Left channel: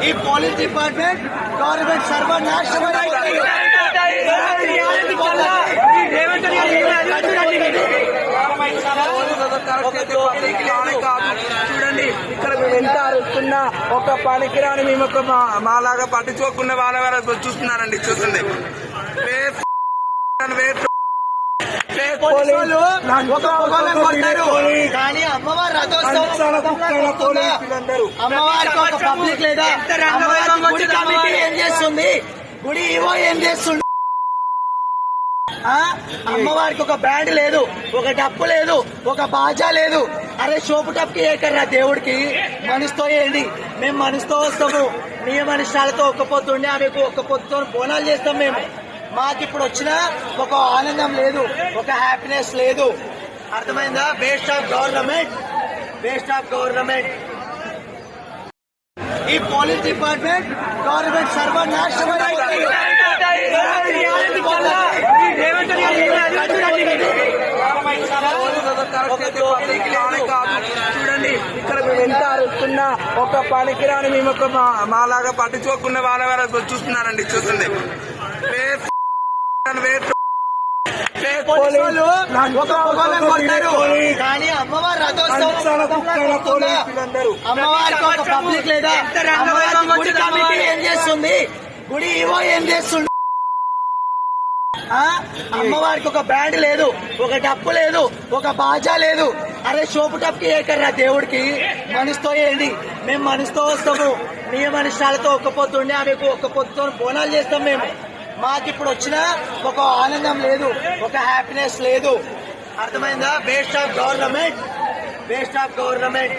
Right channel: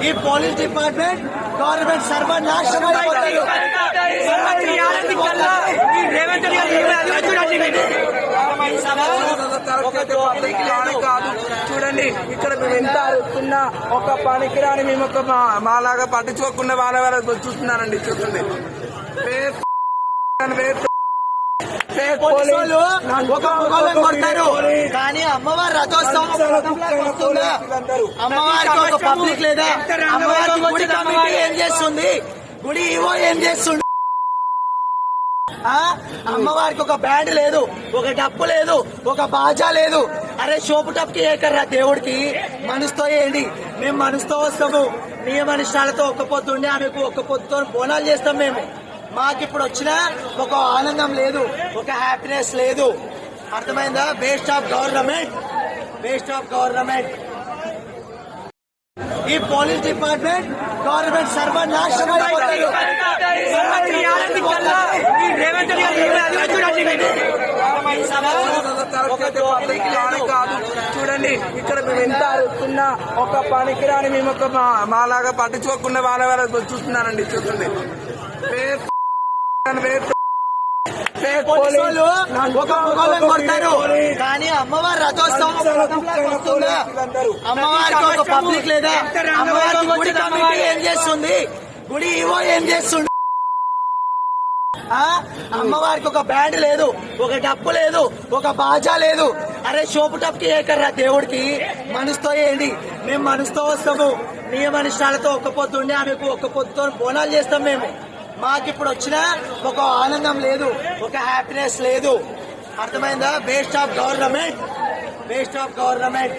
ఈ police department government సర్వనాశనం చూడండి ఇక్కడ మేము ఎంత అరుస్తున్నా ఒక పనికిరాని మేము ఒక మాలాగా పట్టించుకోకుండా వాళ్ళ వాళ్ళ చూస్తున్నారండి చూస్తుంది పోలీసు ఒక కొడతారు. కానీ అమ్మవారి రథోత్సవం? అమ్మవారికి ఒక పబ్లిక్ లేదా? అమ్మవారికి గుడి కమిటీ ఏం చేస్తుంది? గుడి ఈవో ఏం చేస్తుంది? అమ్మవారికి ఒక బ్యాండ్ లేదు ఒక డప్పు లేదు ఒక బాజా లేదు. అరే షోపు టప్కి ఏకర్రా దేవుడికి? మనసుతో ఏంటి? మేము మనసుతో వస్తాము. నియమ నిష్టాలతో ఒక్క పొద్దు ఉండి ఆమెకు ఒక్క పొద్దుతో బోనాలు చేస్తాం మేము. మాకు ఇప్పుడు వచ్చిన ఒక ఆనందం లేదు ఒక హ్యాపీనెస్ లేదు. అర్థమైందా? Best of government best of government ఈ పోలీస్ డిపార్ట్మెంట్ గవర్నమెంట్ సర్వనాశనం. చూడండి ఇక్కడ మేము ఎంత అరుస్తున్నా ఒక పనికిరాని మేము ఒక మా- మాలాగా పట్టించుకోకుండా వాళ్ళ వాళ్ళ చూస్తున్నారండి చూస్తుంది. పోలీసు వాళ్ళు ఒక మొగలను కొడతారు కానీ అమ్మవారి రథోత్సవం? అమ్మవారికి ఒక పబ్లిక్ లేదా? అమ్మవారికి గుడి కమిటీ ఏం చేస్తుంది? గుడి ఈవో ఏం చేస్తుంది? అమ్మవారికి ఒక బ్యాండ్ లేదు ఒక డప్పు లేదు ఒక బాజా లేదు. అరే షోపు టప్కి ఏకర్రా దేవుడికి. మనసుతో ఏంటి? మేము మనసుతో వస్తాము. నియమ నిష్టాలతో ఒక్క పొద్దు ఉండి ఆమెకు ఒక్క పొద్దుతో బోనాలు చేస్తాం మేము. మాకు ఇప్పుడు వచ్చిన ఒక ఆనందం లేదు ఒక హ్యాపీనెస్ లేదు. అర్థమైందా? Best of government best of government